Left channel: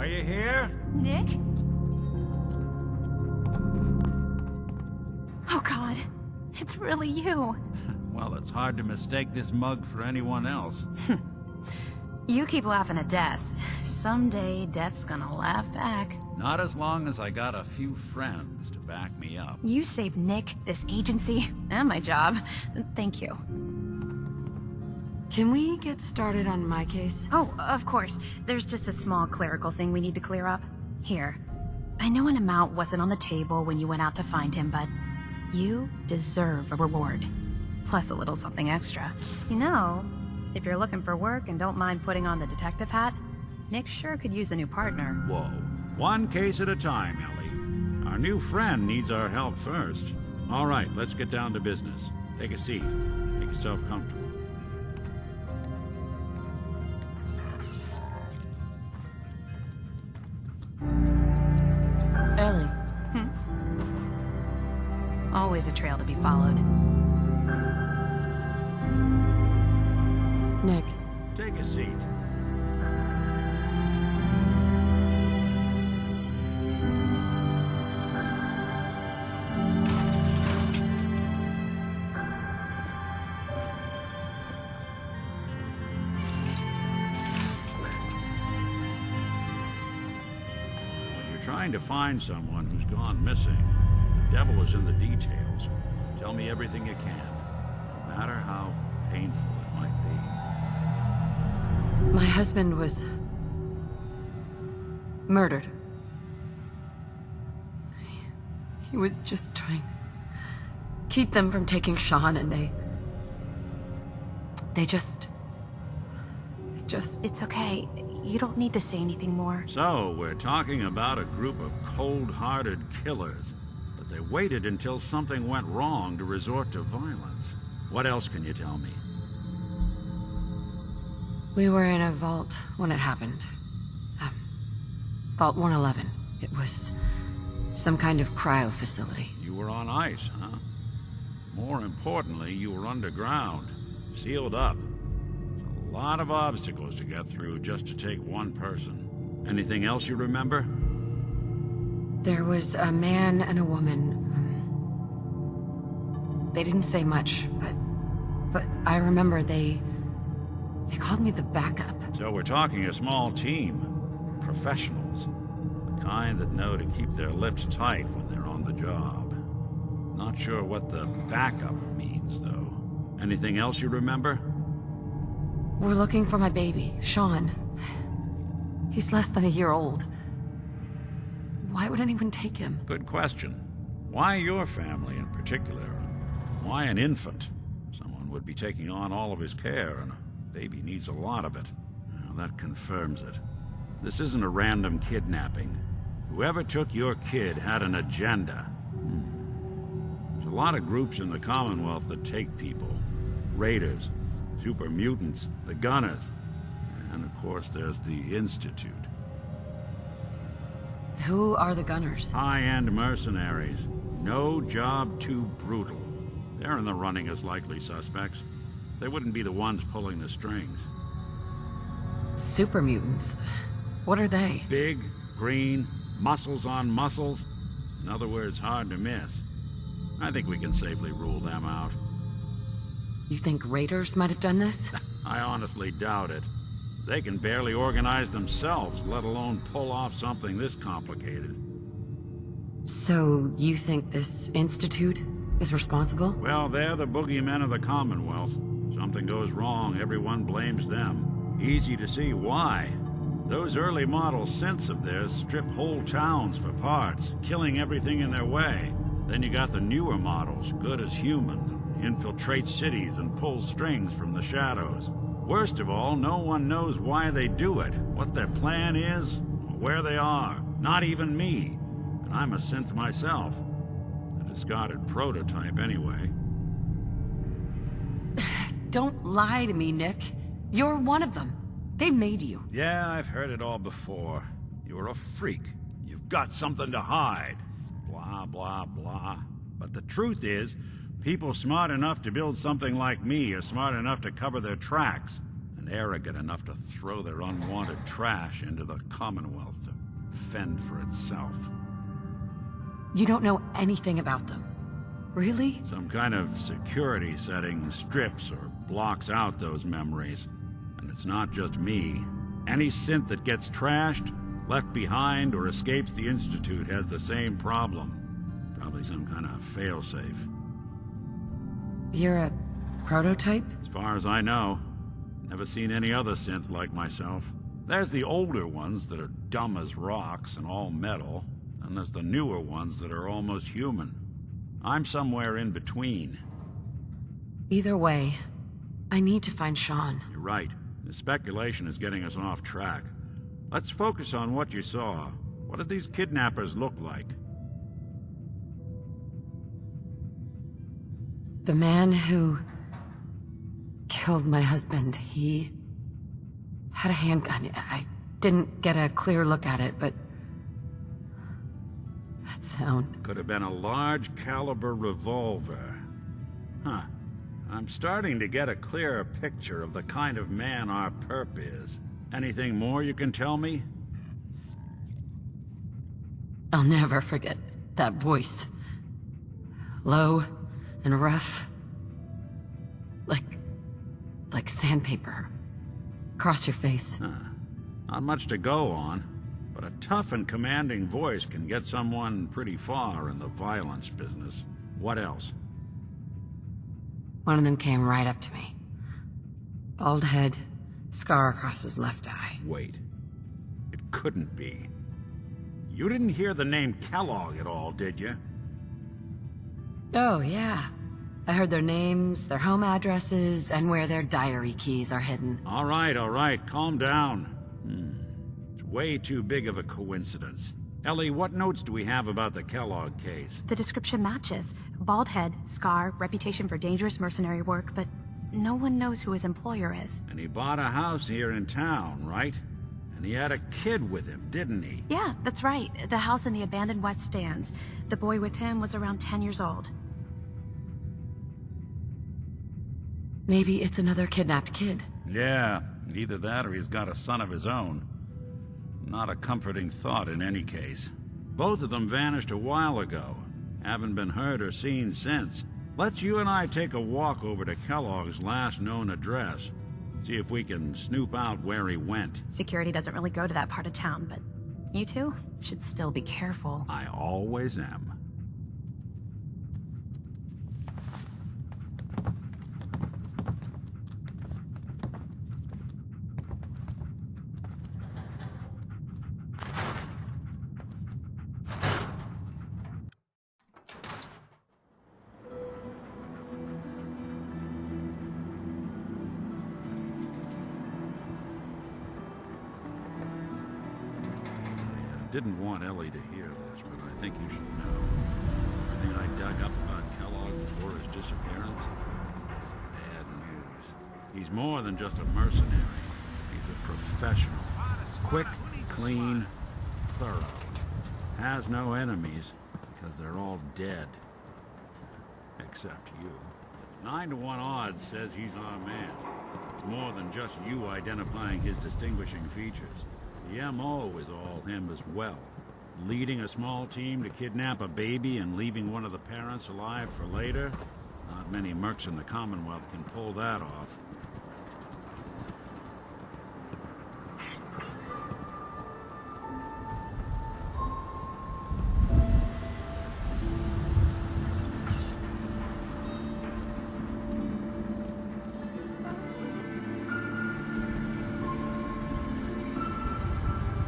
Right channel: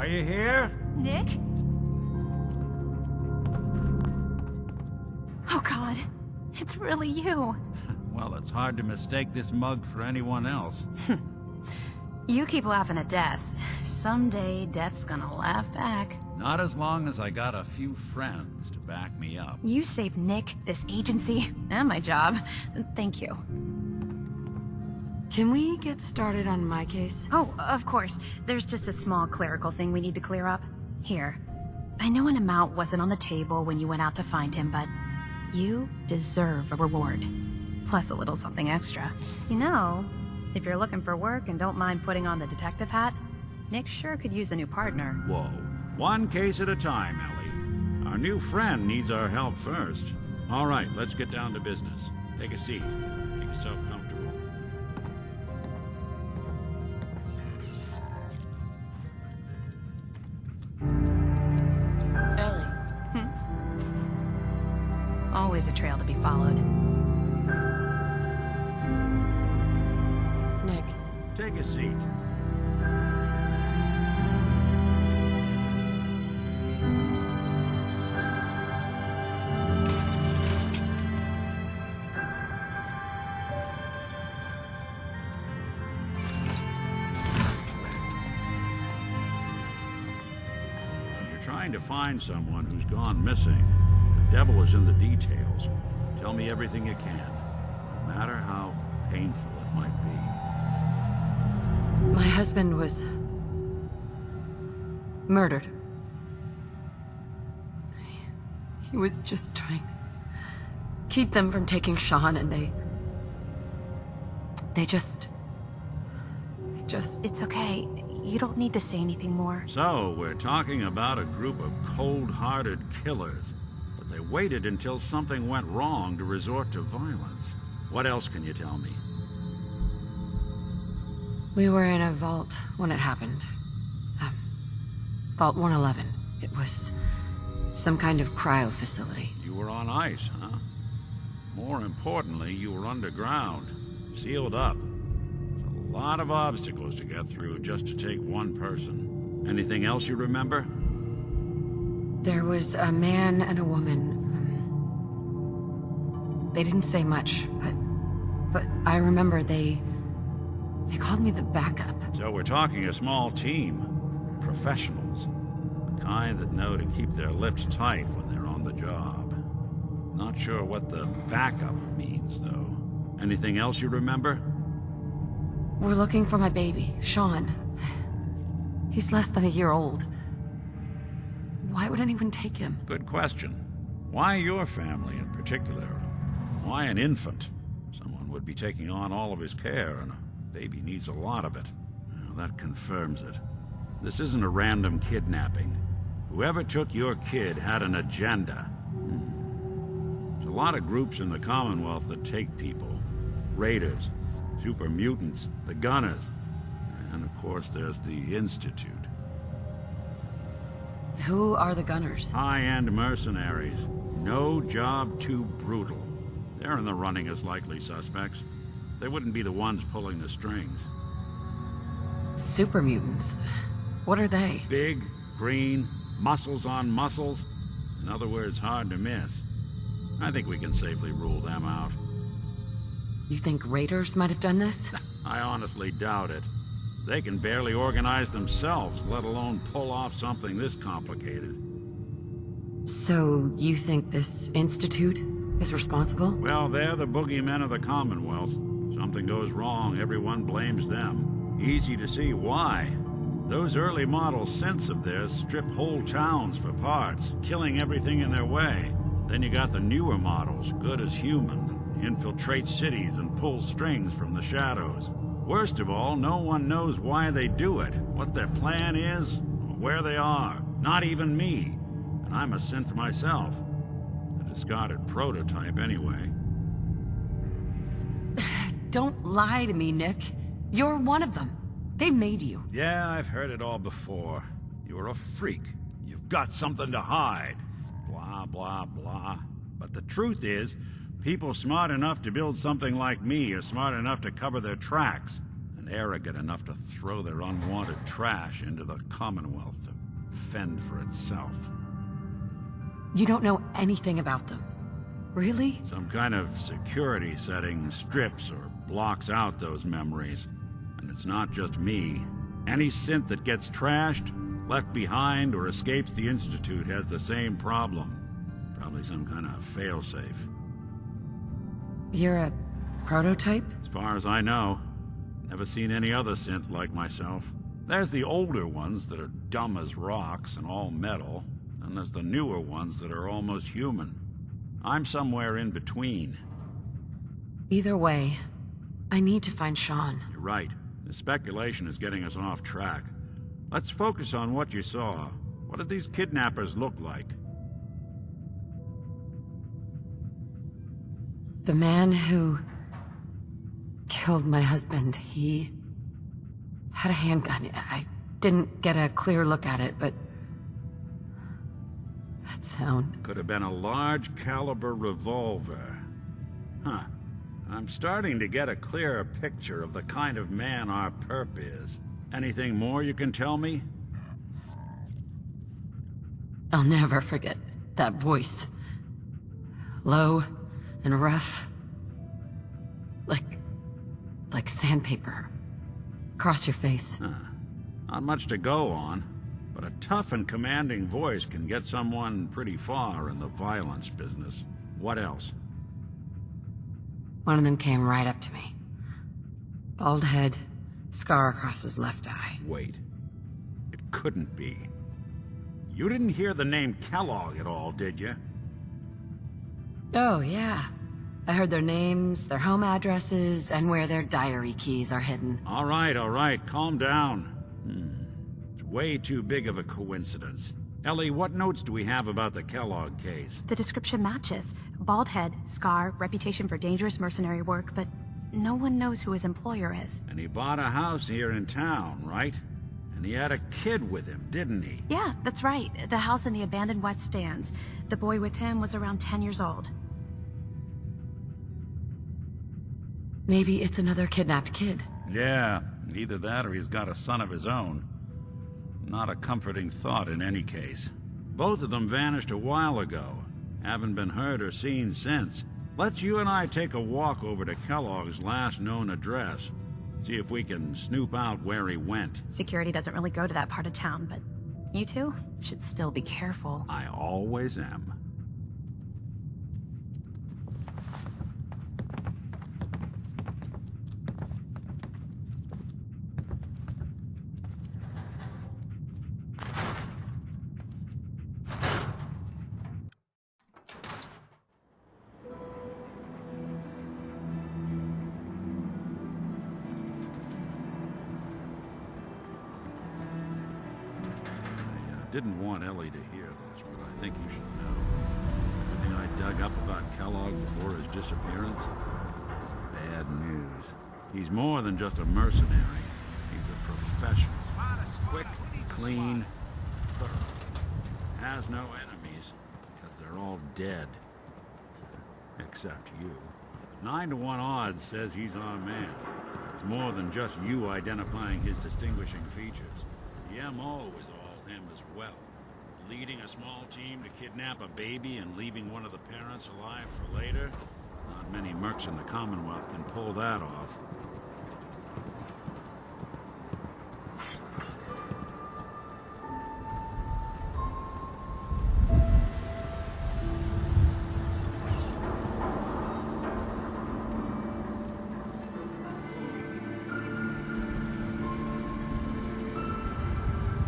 Are you here? Nick? Oh God, it's really you. Well, it's hard to mistake this mug for anyone else. You keep laughing at death. Someday, death's gonna laugh back. Not as long as I got a few friends to back me up. You saved Nick, this agency, and my job. Thank you. Can we get started on my case? Oh, of course. There's just a small clerical thing we need to clear up. Here. I know an amount wasn't on the table when you went out to find him, but you deserve a reward. Plus a little something extra. You know, if you're looking for work and don't mind putting on the detective hat, Nick sure could use a new partner. Whoa. One case at a time, Ellie. Our new friend needs our help first. All right, let's get down to business. Take a seat. Make yourself comfortable. Ellie. Always a trail to be followed. Nick. Take a seat. When you're trying to find someone who's gone missing, the devil is in the details. Tell me everything you can, no matter how painful it might be. My husband was murdered. He was just trying to keep them from taking Shaun, and they just... It's okay. You don't need to say anything more. So, we're talking about a group of cold-hearted killers, but they waited until something went wrong to resort to violence. What else can you tell me? We were in a vault when it happened. Vault 111. It was some kind of cryo facility. You were on ice, huh? More importantly, you were underground, sealed up. There's a lot of obstacles to get through just to take one person. Anything else you remember? There was a man and a woman. They didn't say much, but I remember they called me the backup. So we're talking a small team. Professionals. The kind that know to keep their lips tight when they're on the job. Not sure what the backup means, though. Anything else you remember? We're looking for my baby, Shaun. He's less than a year old. Why would anyone take him? Good question. Why your family in particular? And why an infant? Someone would be taking on all of his care, and a baby needs a lot of it. Well, that confirms it. This isn't a random kidnapping. Whoever took your kid had an agenda. There's a lot of groups in the Commonwealth that take people. Raiders, super mutants, the Gunners, and of course there's the Institute. Who are the Gunners? High-end mercenaries. No job too brutal. They're in the running as likely suspects. They wouldn't be the ones pulling the strings. Super mutants. What are they? Big, green, muscles on muscles. In other words, hard to miss. I think we can safely rule them out. You think raiders might have done this? I honestly doubt it. They can barely organize themselves, let alone pull off something this complicated. So, you think this institute is responsible? Well, they're the boogeymen of the Commonwealth. Something goes wrong, everyone blames them. Easy to see why. Those early model synths of theirs strip whole towns for parts, killing everything in their way. Then you got the newer models, good as human, that infiltrate cities and pull strings from the shadows. Worst of all, no one knows why they do it, what their plan is, or where they are. Not even me. And I'm a synth myself. A discarded prototype, anyway. Don't lie to me, Nick. You're one of them. They made you. Yeah, I've heard it all before. You're a freak. You've got something to hide. Blah, blah, blah. But the truth is, people smart enough to build something like me are smart enough to cover their tracks. and arrogant enough to throw their unwanted trash into the Commonwealth to fend for itself. You don't know anything about them. Really? Some kind of security setting strips or blocks out those memories. And it's not just me. Any synth that gets trashed, left behind, or escapes the Institute has the same problem. Probably some kind of failsafe. You're a prototype? As far as I know. Never seen any other synth like myself. There's the older ones that are dumb as rocks and all metal, and there's the newer ones that are almost human. I'm somewhere in between. Either way, I need to find Shaun. You're right. The speculation is getting us off track. Let's focus on what you saw. What did these kidnappers look like? The man who killed my husband, he had a handgun. I didn't get a clear look at it, but that sound. Could have been a large caliber revolver. Huh. I'm starting to get a clearer picture of the kind of man our perp is. Anything more you can tell me? I'll never forget that voice. Low and rough. Like sandpaper. Across your face. Huh. Not much to go on, but a tough and commanding voice can get someone pretty far in the violence business. What else? One of them came right up to me. Bald head, scar across his left eye. Wait. It couldn't be. You didn't hear the name Kellogg at all, did you? Oh, yeah. I heard their names, their home addresses, and where their diary keys are hidden. All right, calm down. It's way too big of a coincidence. Ellie, what notes do we have about the Kellogg case? The description matches. Bald head, scar, reputation for dangerous mercenary work, but no one knows who his employer is. And he bought a house here in town, right? And he had a kid with him, didn't he? Yeah, that's right. The house in the abandoned West Stands. The boy with him was around 10 years old. Maybe it's another kidnapped kid. Yeah, either that or he's got a son of his own. Not a comforting thought in any case. Both of them vanished a while ago. Haven't been heard or seen since. Let's you and I take a walk over to Kellogg's last known address. See if we can snoop out where he went. Security doesn't really go to that part of town, but you two should still be careful. I always am. Didn't want Ellie to hear this, but I think you should know. Everything I dug up about Kellogg before his disappearance is bad news. He's more than just a mercenary. He's a professional. Quick, clean, thorough. Has no enemies, because they're all dead. Except you. But 9 to 1 odds says he's our man. It's more than just you identifying his distinguishing features. The M.O. is all him as well. Leading a small team to kidnap a baby and leaving one of the parents alive for later? Not many mercs in the Commonwealth can pull that off.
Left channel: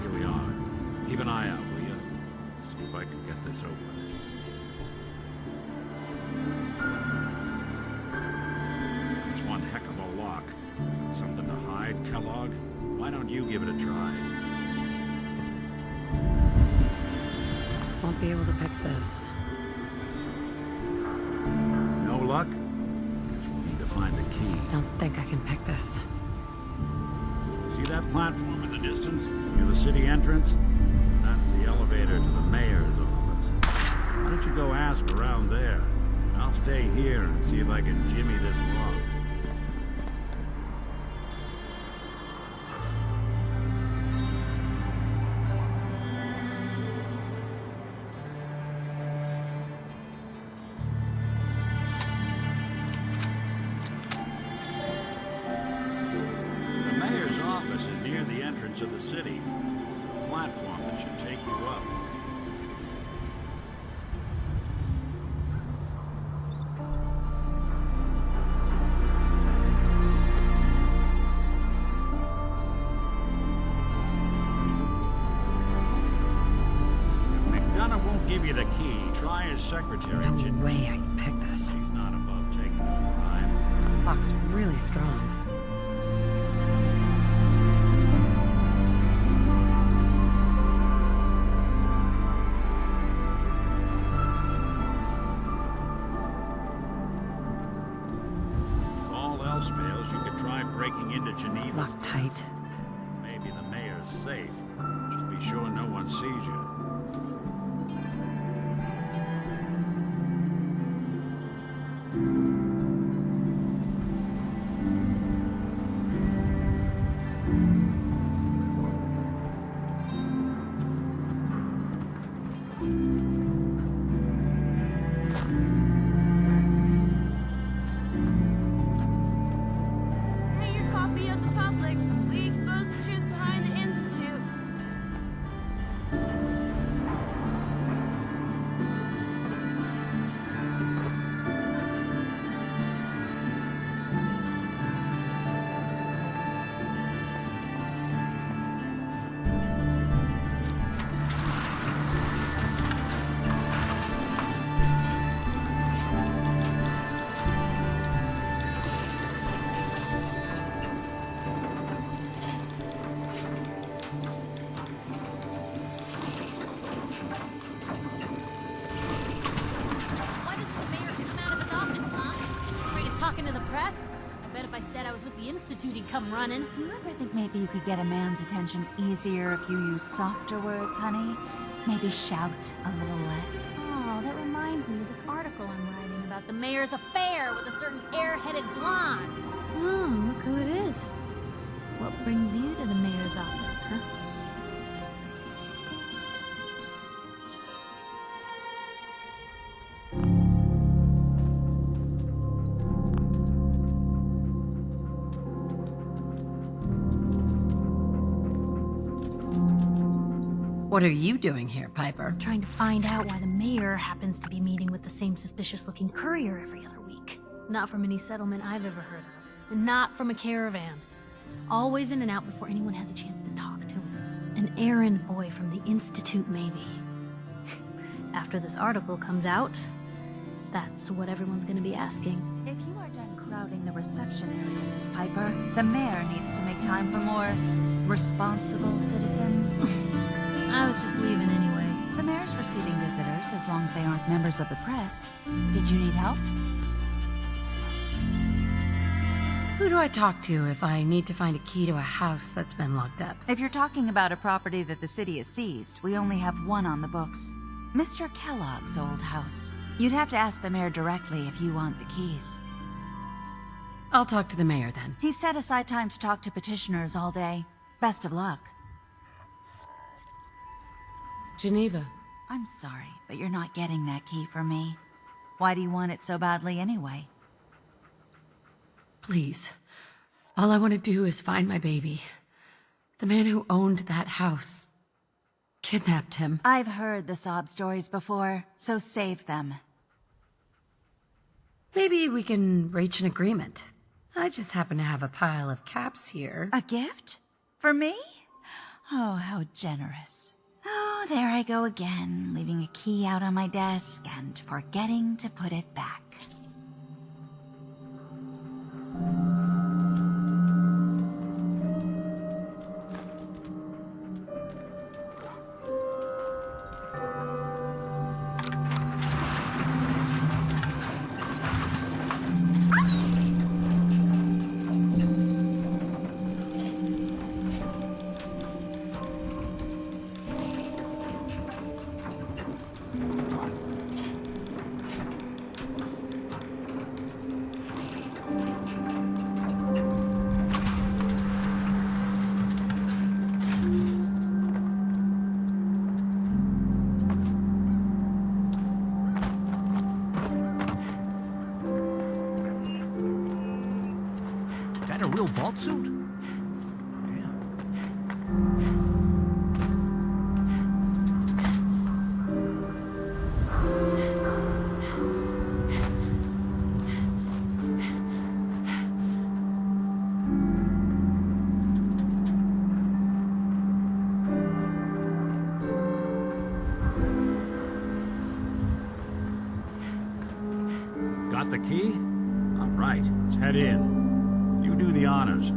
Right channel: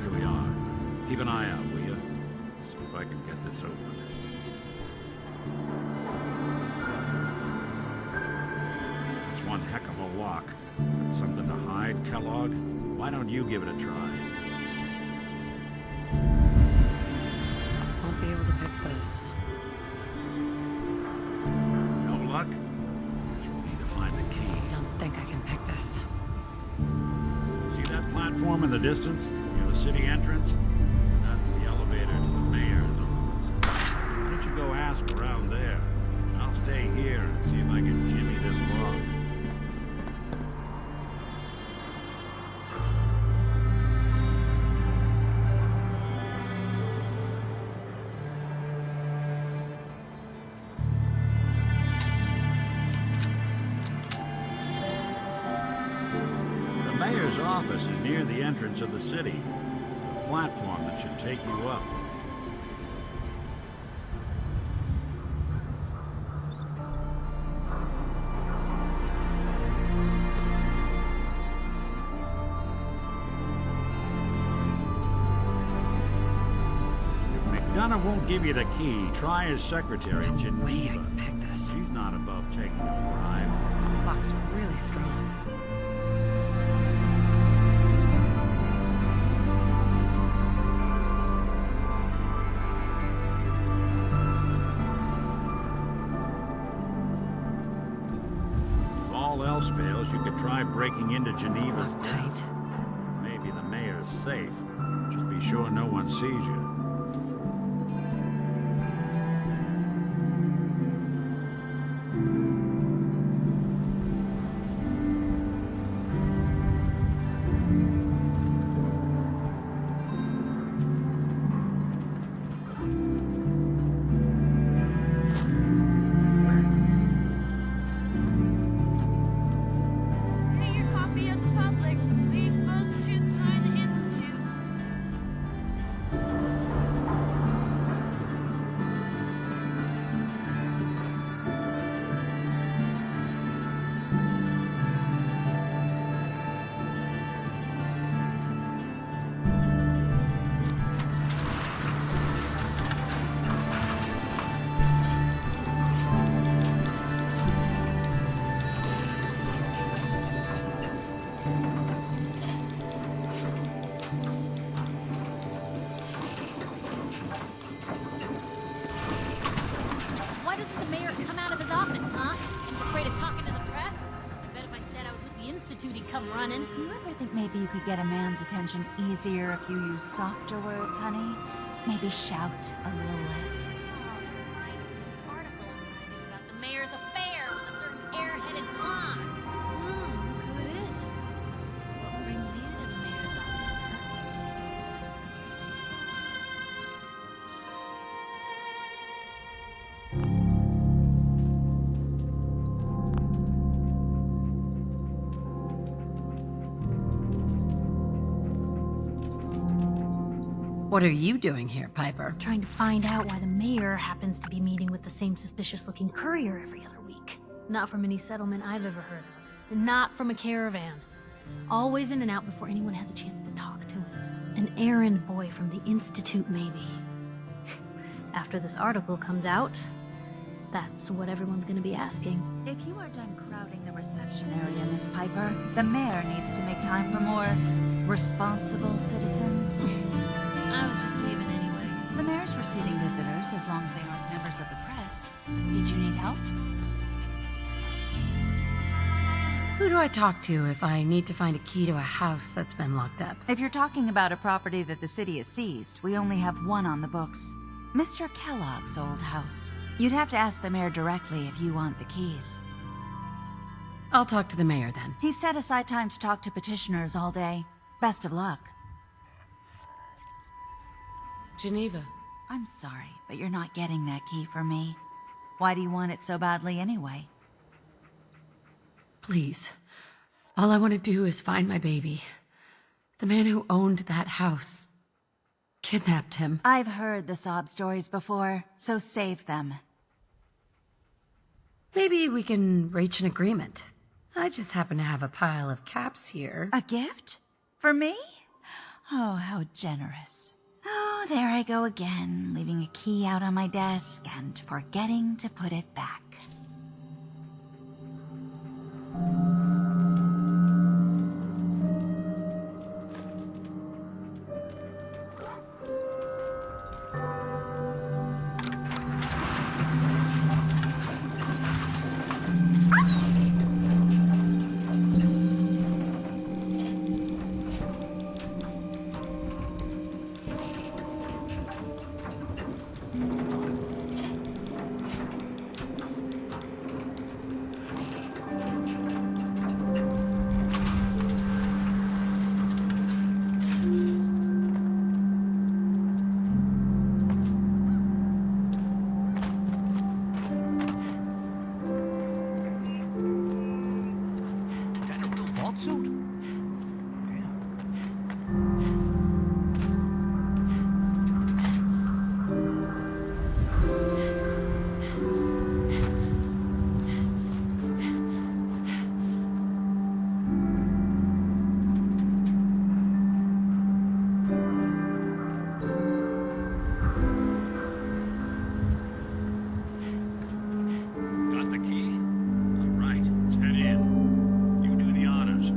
Here we are. Keep an eye out, will you? See if I can get this open. That's one heck of a lock. Got something to hide, Kellogg? Why don't you give it a try? Won't be able to pick this. No luck? Guess we'll need to find the key. Don't think I can pick this. See that platform in the distance, near the city entrance? That's the elevator to the mayor's office. Why don't you go ask around there? I'll stay here and see if I can jimmy this lock. The mayor's office is near the entrance of the city. There's a platform that should take you up. If McDonough won't give you the key, try his secretary, No Geneva. way I can pick this. She's not above taking a bribe. Lock's really strong. If all else fails, you could try breaking into Geneva's Locked tight. desk. Maybe the mayor's safe. Just be sure no one sees you. Hey, your copy of the public. We expose the truth behind the Institute. Why doesn't the mayor come out of his office, huh? He's afraid of talking to the press? I bet if I said I was with the Institute, he'd come running. You ever think maybe you could get a man's attention easier if you use softer words, honey? Maybe shout a little less. Oh, that reminds me of this article I'm writing about the mayor's affair with a certain air-headed blonde. Oh, look who it is. What brings you to the mayor's office, huh? What are you doing here, Piper? Trying to find out why the mayor happens to be meeting with the same suspicious-looking courier every other week. Not from any settlement I've ever heard of. And not from a caravan. Always in and out before anyone has a chance to talk to him. An errand boy from the Institute, maybe. After this article comes out, that's what everyone's gonna be asking. If you are done crowding the reception area, Miss Piper, the mayor needs to make time for more responsible citizens. I was just leaving anyway. The mayor's receiving visitors as long as they aren't members of the press. Did you need help? Who do I talk to if I need to find a key to a house that's been locked up? If you're talking about a property that the city has seized, we only have one on the books. Mr. Kellogg's old house. You'd have to ask the mayor directly if you want the keys. I'll talk to the mayor then. He set aside time to talk to petitioners all day. Best of luck. Geneva. I'm sorry, but you're not getting that key from me. Why do you want it so badly anyway? Please. All I want to do is find my baby. The man who owned that house kidnapped him. I've heard the sob stories before, so save them. Maybe we can reach an agreement. I just happen to have a pile of caps here. A gift? For me? Oh, how generous. Oh, there I go again, leaving a key out on my desk and forgetting to put it back. That a real vault suit? Got the key? All right, let's head in. You do the honors.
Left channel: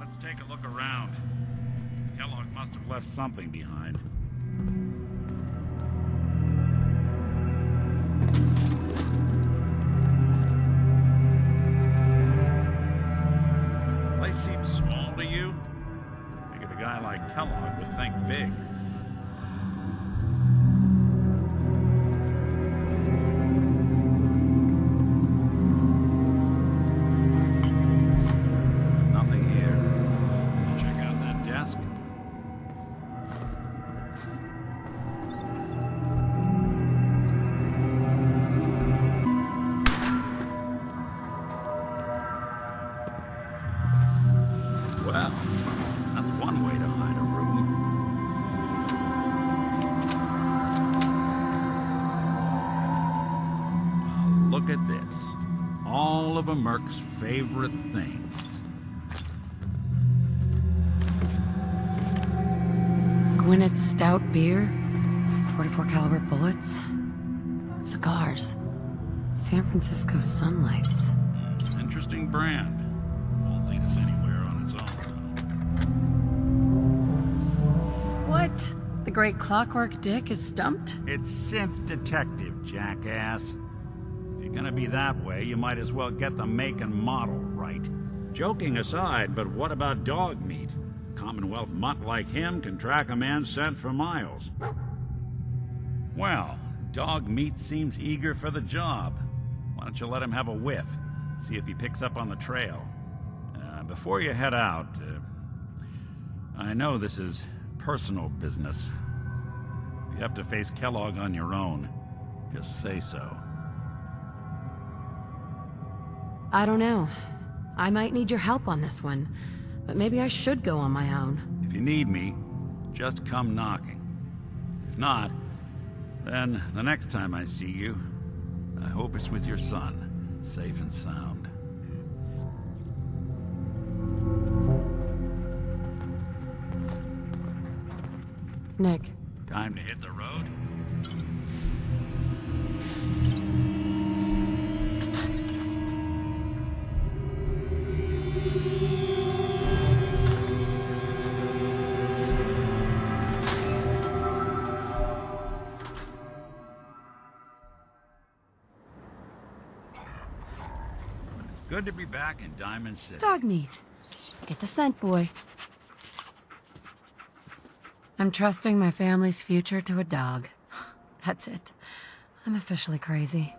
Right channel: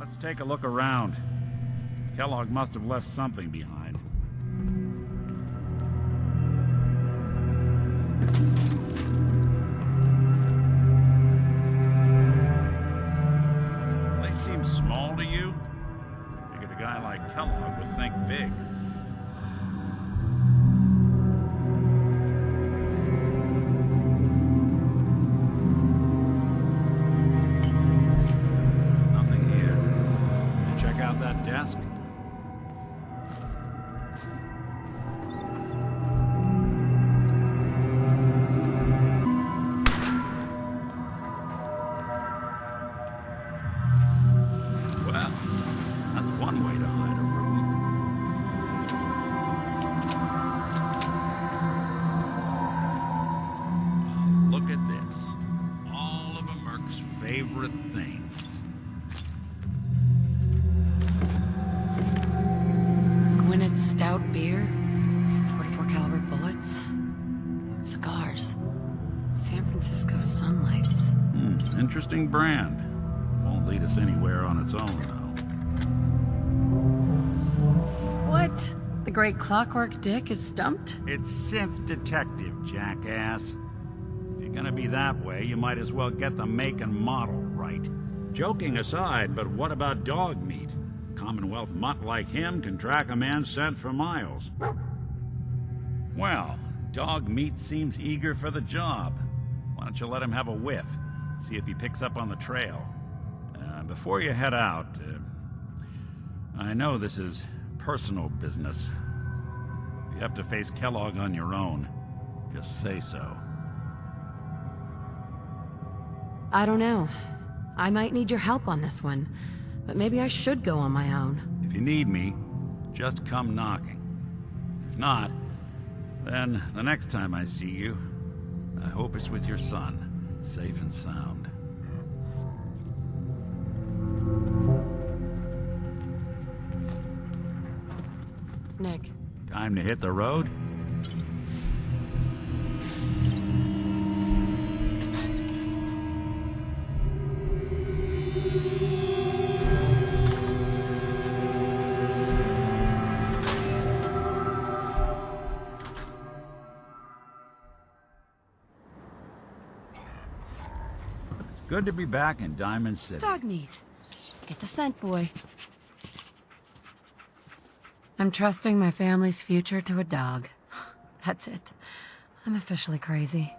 Let's take a look around. Kellogg must have left something behind. Place seems small to you? Figured a guy like Kellogg would think big. Nothing here. Check out that desk. Well, that's one way to hide a room. Well, look at this. All of a Merc's favorite things. Gwinnett stout beer, 44 caliber bullets, cigars, San Francisco sunlights. Interesting brand. Won't lead us anywhere on its own, though. What? The great Clockwork Dick is stumped? It's synth detective, jackass. If you're gonna be that way, you might as well get the make and model right. Joking aside, but what about Dogmeat? Commonwealth mutt like him can track a man's scent for miles. Well, Dogmeat seems eager for the job. Why don't you let him have a whiff? See if he picks up on the trail. Before you head out, I know this is personal business. If you have to face Kellogg on your own, just say so. I don't know. I might need your help on this one, but maybe I should go on my own. If you need me, just come knocking. If not, then the next time I see you, I hope it's with your son, safe and sound. Nick, Time to hit the road? It's good to be back in Diamond City. Dogmeat. Get the scent, boy. I'm trusting my family's future to a dog. That's it. I'm officially crazy.